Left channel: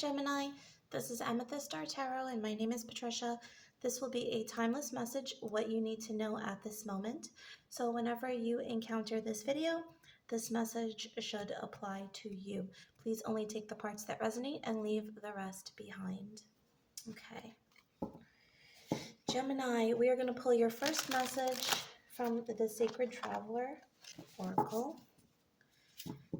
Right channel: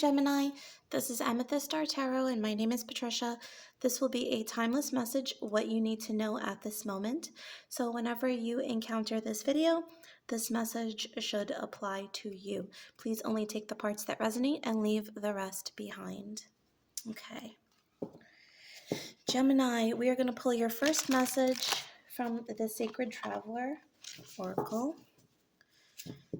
Gemini. This is Amethyst Star Tarot, and my name is Patricia. This will be a timeless message, what you need to know at this moment. So whenever you encounter this video, this message should apply to you. Please only take the parts that resonate and leave the rest behind. Okay. Gemini, we are going to pull your first message from the Sacred Traveler Oracle.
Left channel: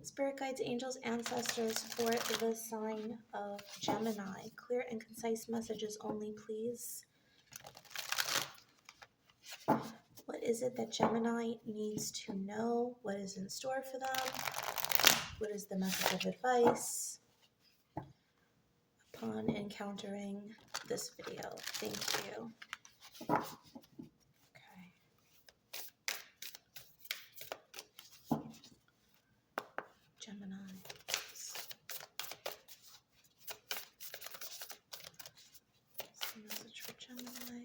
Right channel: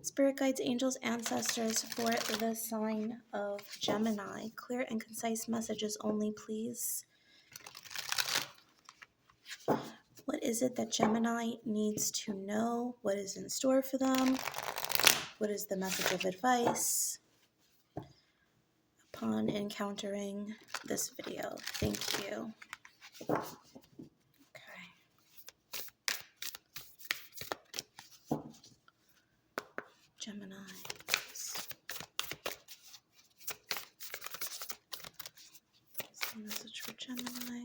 Spirit guides, angels, ancestors for the sign of Gemini. Clear and concise messages only, please. What is it that Gemini needs to know? What is in store for them? What is the message of advice upon encountering this video? Thank you. Okay. Gemini. What's the message for Gemini?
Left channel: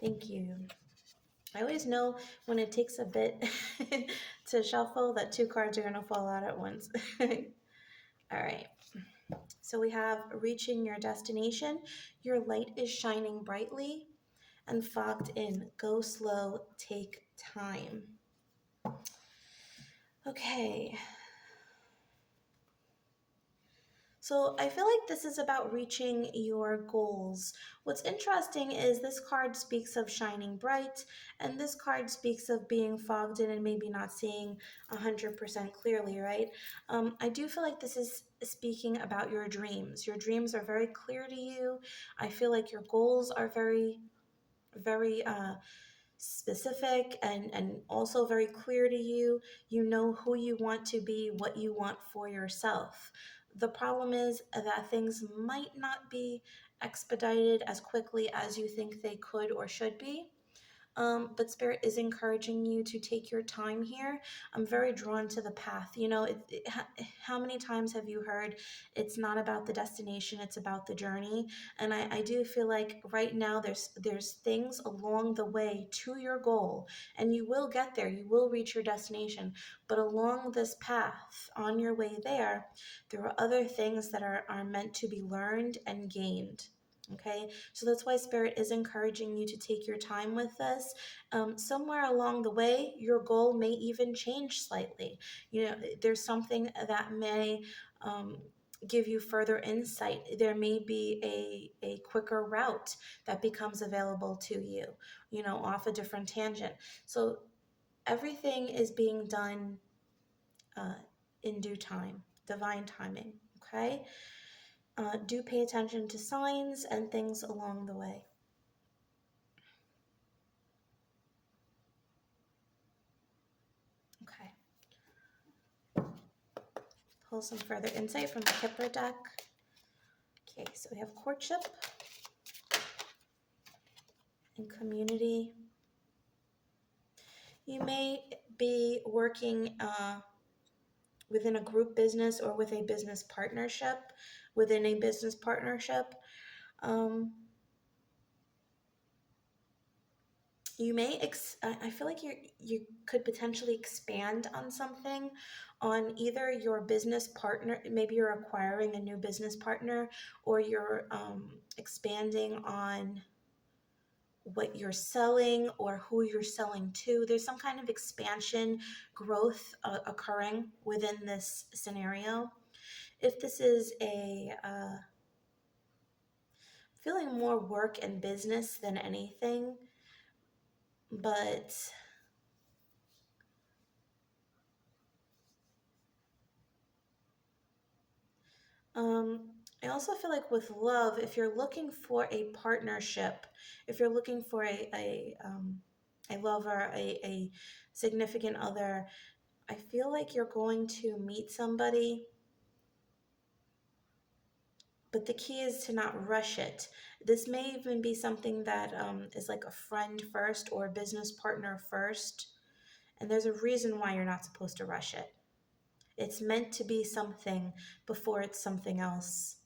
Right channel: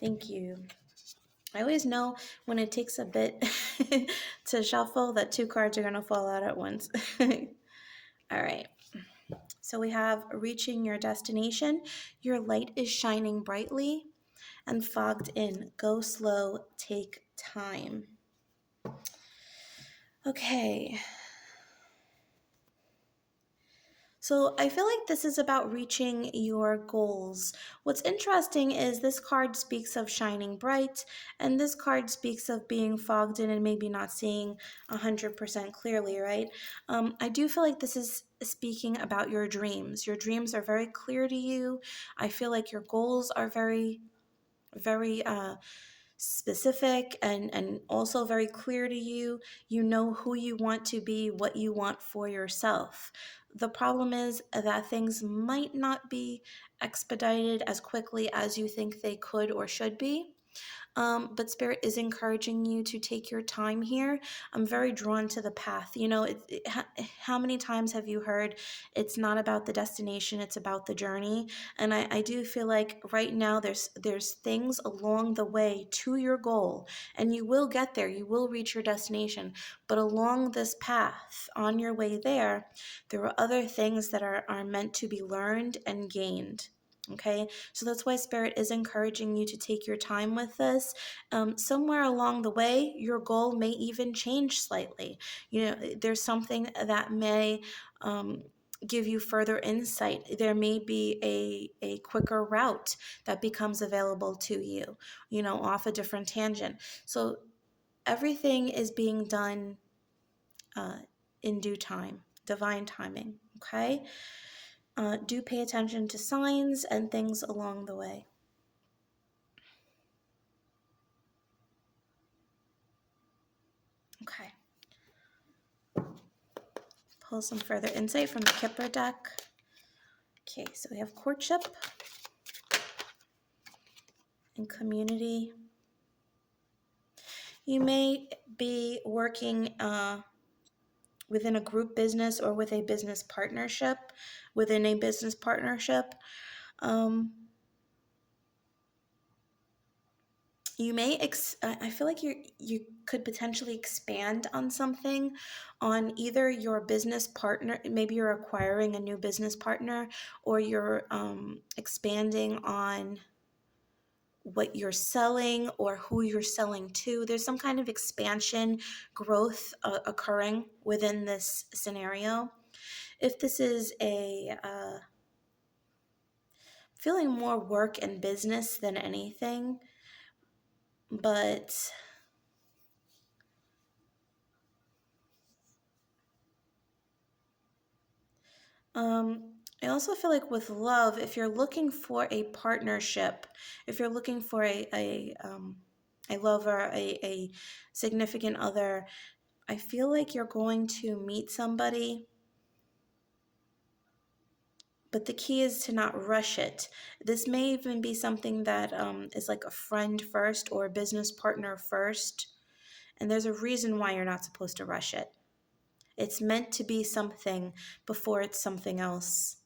Thank you. I always know when it takes a bit to shuffle that two cards are going to fall out at once. All right. So we have reaching your destination. Your light is shining brightly and fogged in. Go slow, take time. Okay. So I feel like this is about reaching your goals. What's interesting is this card speaks of shining bright, and this card speaks of being fogged in and maybe not seeing 100% clearly, right? I do feel like this is speaking about your dreams. Your dreams are very clear to you. I feel like your goals are very specific and also very clear to you. You know who you want to be, what you want for yourself. The problem is that things might not be expedited as quickly as you think they could or should be. But Spirit is encouraging you to take your time here. I'm very drawn to the path. You know, how many times have you heard it's not about the destination, it's about the journey? And I do feel like right now there's things along the way to your goal, and you will get there. You will reach your destination. But along this path, on your way there, there are other things that are meant to be learned and gained. Okay, so that's why Spirit is encouraging you to take your time with this. Somewhere along the way, your goal may even change slightly. You know, there's something that may give you further insight. There may be a quicker route that becomes available to you, you know, off a different tangent. So everything is being done in due time, divine timing, okay? Do pay attention to signs and things along the way. Okay. Pull some further insight from the Kipper deck. Okay, so we have courtship and community. You may be working within a group business or with a business partnership, within a business partnership. You may, I feel like you could potentially expand on something, on either your business partner, maybe you're acquiring a new business partner, or you're expanding on what you're selling or who you're selling to. There's some kind of expansion, growth occurring within this scenario. If this is feeling more work and business than anything, but I also feel like with love, if you're looking for a partnership, if you're looking for a lover, a significant other, I feel like you're going to meet somebody, but the key is to not rush it. This may even be something that is like a friend first or a business partner first, and there's a reason why you're not supposed to rush it. It's meant to be something before it's something else.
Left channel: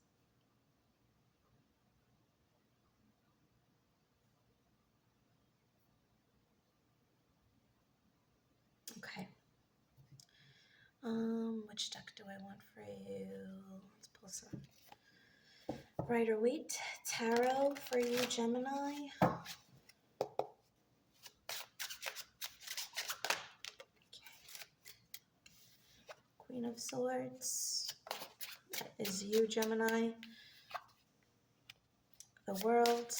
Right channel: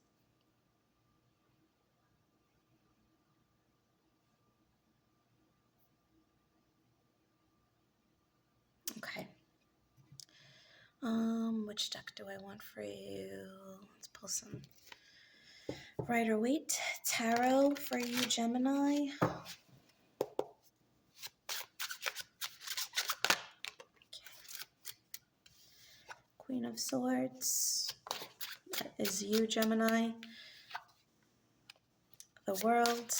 Okay. Which deck do I want for you? Let's pull some Rider Waite Tarot for you, Gemini. Queen of Swords. That is you, Gemini. The World.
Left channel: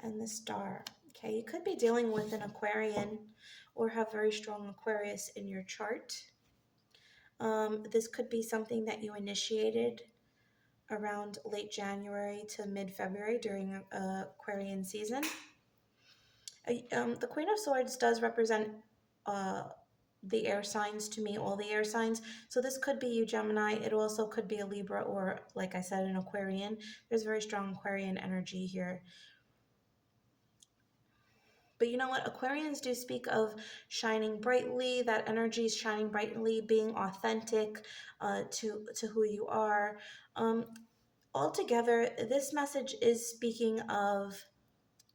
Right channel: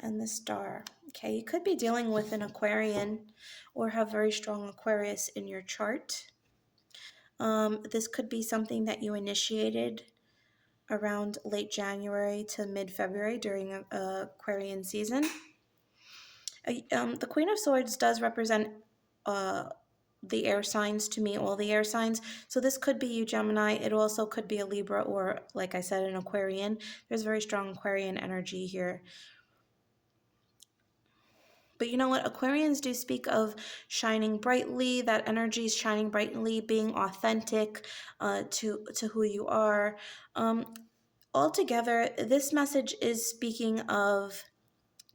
And the Star. Okay, you could be dealing with an Aquarian or have very strong Aquarius in your chart. This could be something that you initiated around late January to mid-February during Aquarian season. The Queen of Swords does represent the air signs to me, all the air signs. So this could be you, Gemini. It also could be a Libra or, like I said, an Aquarian. There's very strong Aquarian energy here. But you know what? Aquarians do speak of shining brightly, that energy is shining brightly, being authentic to who you are. Altogether, this message is speaking of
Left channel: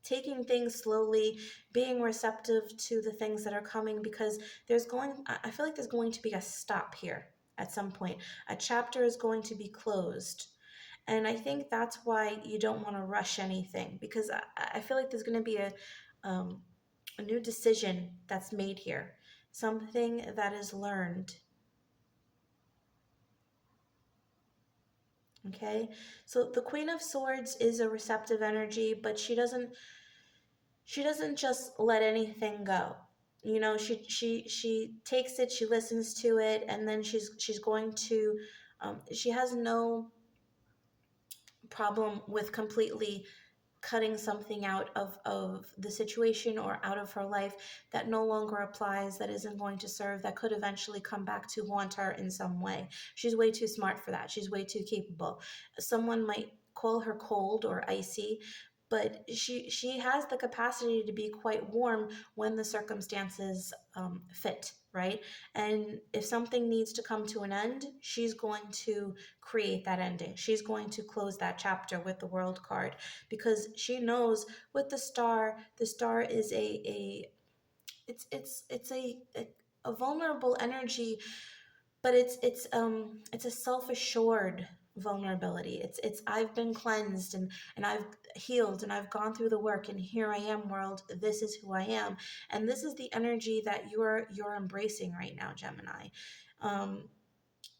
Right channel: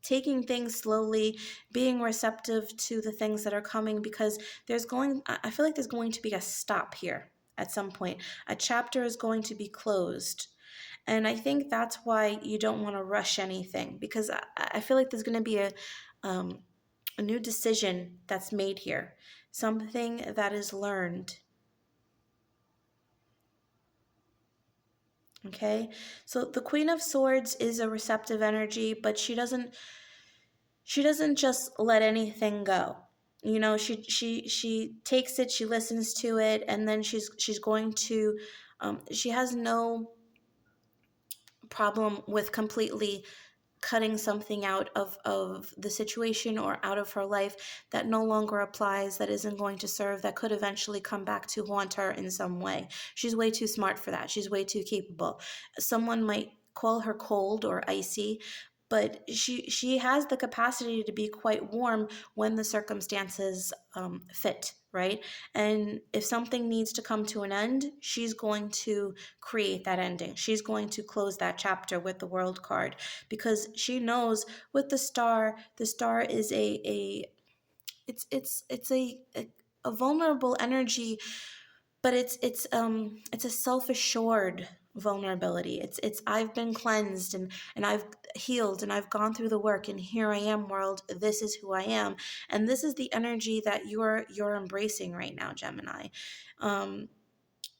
taking things slowly, being receptive to the things that are coming, because I feel like there's going to be a stop here at some point. A chapter is going to be closed. And I think that's why you don't want to rush anything, because I feel like there's going to be a new decision that's made here, something that is learned. Okay, so the Queen of Swords is a receptive energy, but she doesn't just let anything go. You know, she takes it, she listens to it, and then she's going to she has no problem with completely cutting something out of the situation or out of her life that no longer applies, that isn't going to serve, that could eventually come back to haunt her in some way. She's way too smart for that. She's way too capable. Someone might call her cold or icy, but she has the capacity to be quite warm when the circumstances fit, right? And if something needs to come to an end, she's going to create that ending. She's going to close that chapter with the World card, because she knows with the star is a vulnerable energy, but it's a self-assured vulnerability. It's I've been cleansed and I've healed and I've gone through the work, and here I am, world, this is who I am. And this is the energy that you're embracing right now, Gemini.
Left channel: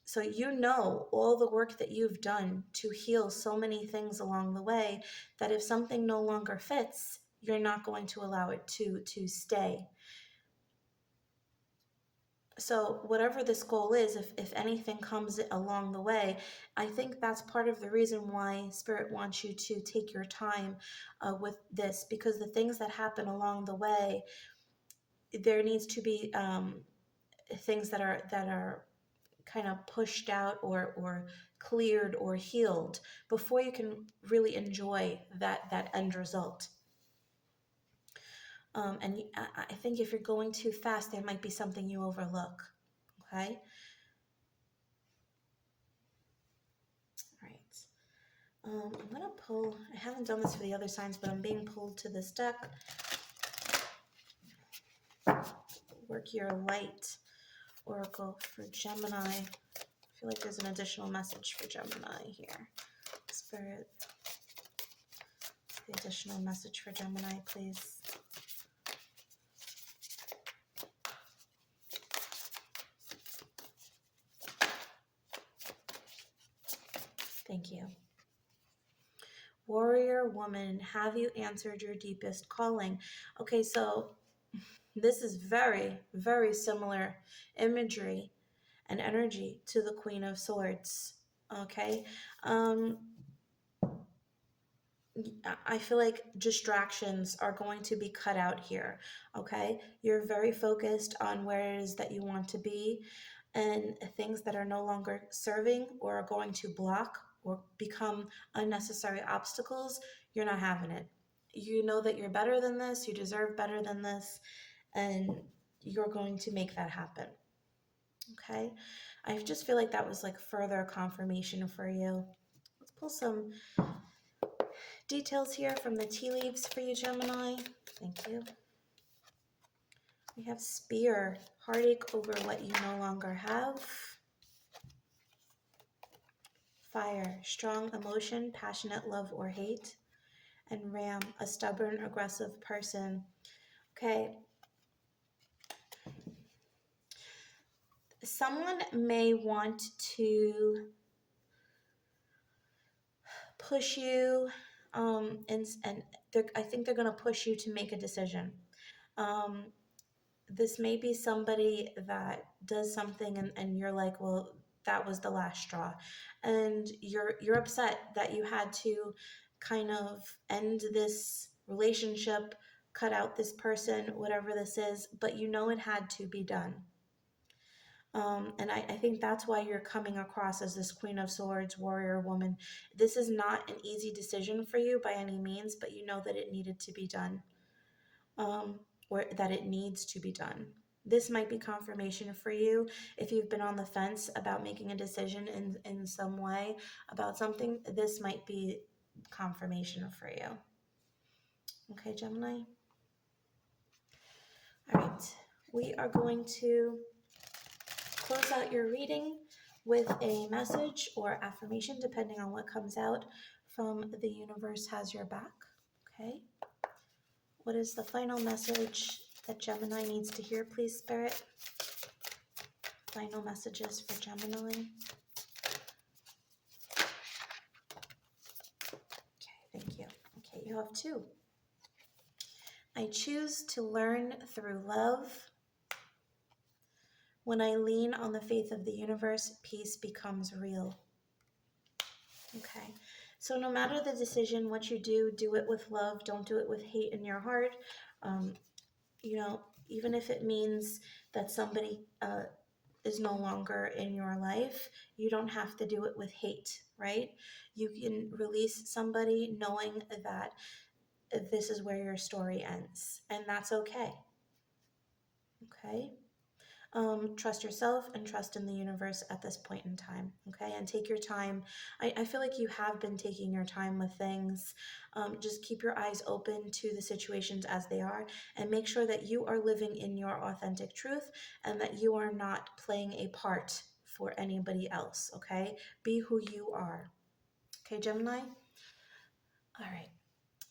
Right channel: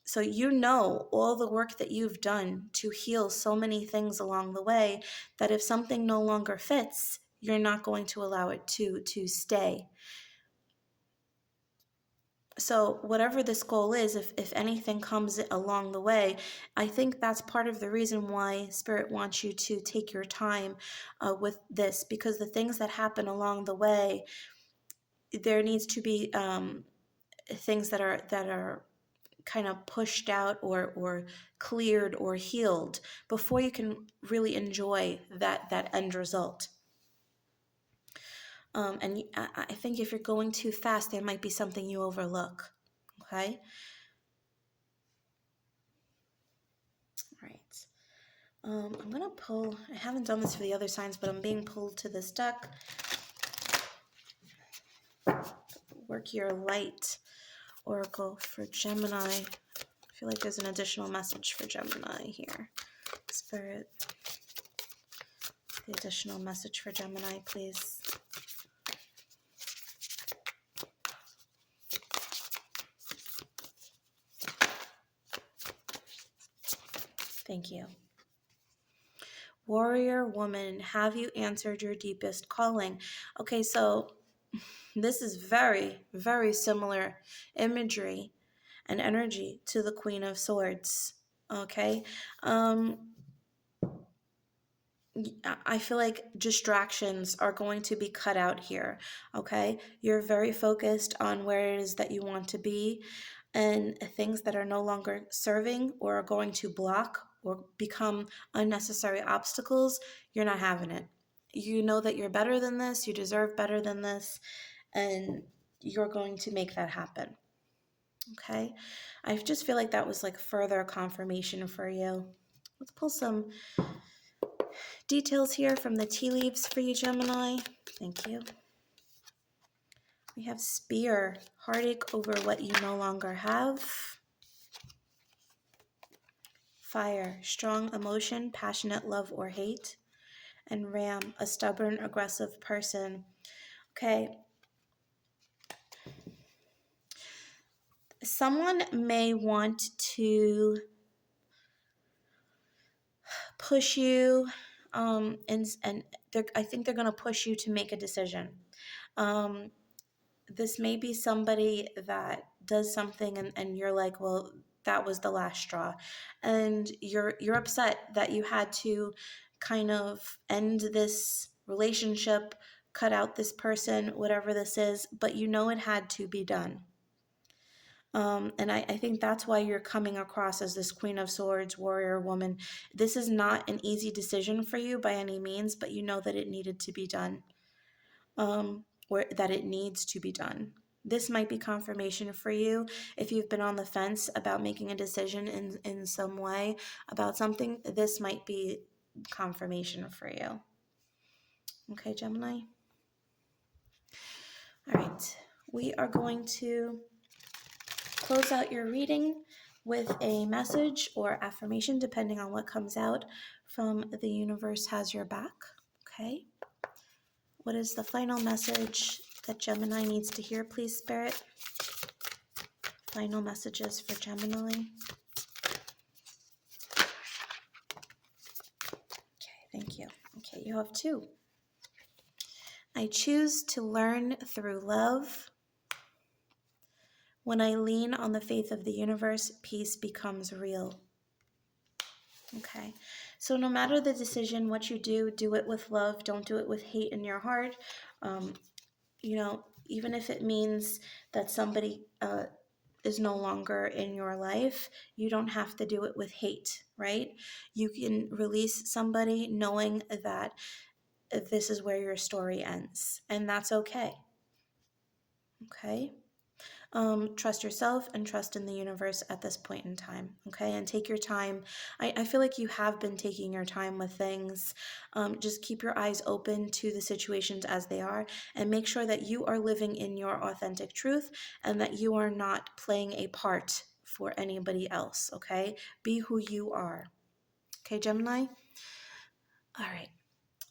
So you know all the work that you've done to heal so many things along the way, that if something no longer fits, you're not going to allow it to stay. So whatever this goal is, if anything comes along the way, I think that's part of the reason why Spirit wants you to take your time with this, because the things that happen along the way, there needs to be things that are kind of pushed out or cleared or healed before you can really enjoy that end result. And I think if you're going too fast, there might be something you overlook. Okay. Right. I'm gonna pull. I haven't done this for the other signs, but I'm being pulled to this deck. Work Your Light Oracle for Gemini. I feel like there's an additional message for Gemini here. Spirit, the additional message for Gemini, please. Thank you. Warrior woman, have you answered your deepest calling? Okay, so this is very, very similar imagery and energy to the Queen of Swords. Okay. I feel like distractions are going to be cut out here. Okay. You're very focused on where it is that you want to be, and things that are no longer serving or are going to block or become unnecessary obstacles, you're not having it. You know that you're better than this, you deserve better than this, and you're going to make that happen. Okay. I just feel like that was like further confirmation for you. Let's pull some details here from the tea leaves for you, Gemini. Thank you. We have Spear, heartache over what you no longer have. Fire, strong emotion, passionate love or hate. And Ram, a stubborn, aggressive person. Okay. Someone may want to push you, and I think they're going to push you to make a decision. This may be somebody that does something and you're like, well, that was the last straw, and you're upset that you had to kind of end this relationship, cut out this person, whatever this is, but you know it had to be done. And I think that's why you're coming across as this Queen of Swords, warrior woman. This is not an easy decision for you by any means, but you know that it needed to be done, or that it needs to be done. This might be confirmation for you if you've been on the fence about making a decision in some way about something. This might be confirmation for you. Okay, Gemini? All right, we are going to close out your reading with a message or affirmation, depending on what comes out from the universe has your back. Okay. What is the final message that Gemini needs to hear, please, Spirit? Final messages for Gemini. Okay, thank you. Okay, you have 2. I choose to learn through love. When I lean on the faith of the universe, peace becomes real. Okay, so no matter the decision, what you do it with love. Don't do it with hate in your heart. Even if it means that somebody is no longer in your life, you don't have to do it with hate, right? You can release somebody knowing that this is where your story ends, and that's okay. Okay? Trust yourself and trust in the universe at this point in time, okay? And take your time. I feel like you have been taking your time with things. Just keep your eyes open to the situations as they are, and make sure that you are living in your authentic truth and that you are not playing a part for anybody else, okay? Be who you are. Okay, Gemini? All right.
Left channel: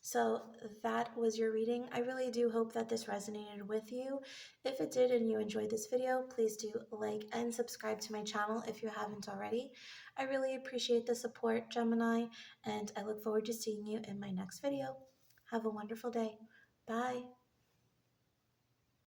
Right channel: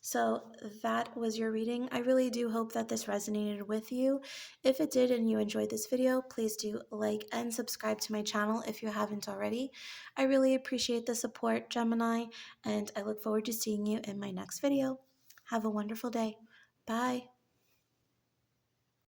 So that was your reading. I really do hope that this resonated with you. If it did and you enjoyed this video, please do like and subscribe to my channel if you haven't already. I really appreciate the support, Gemini, and I look forward to seeing you in my next video. Have a wonderful day. Bye.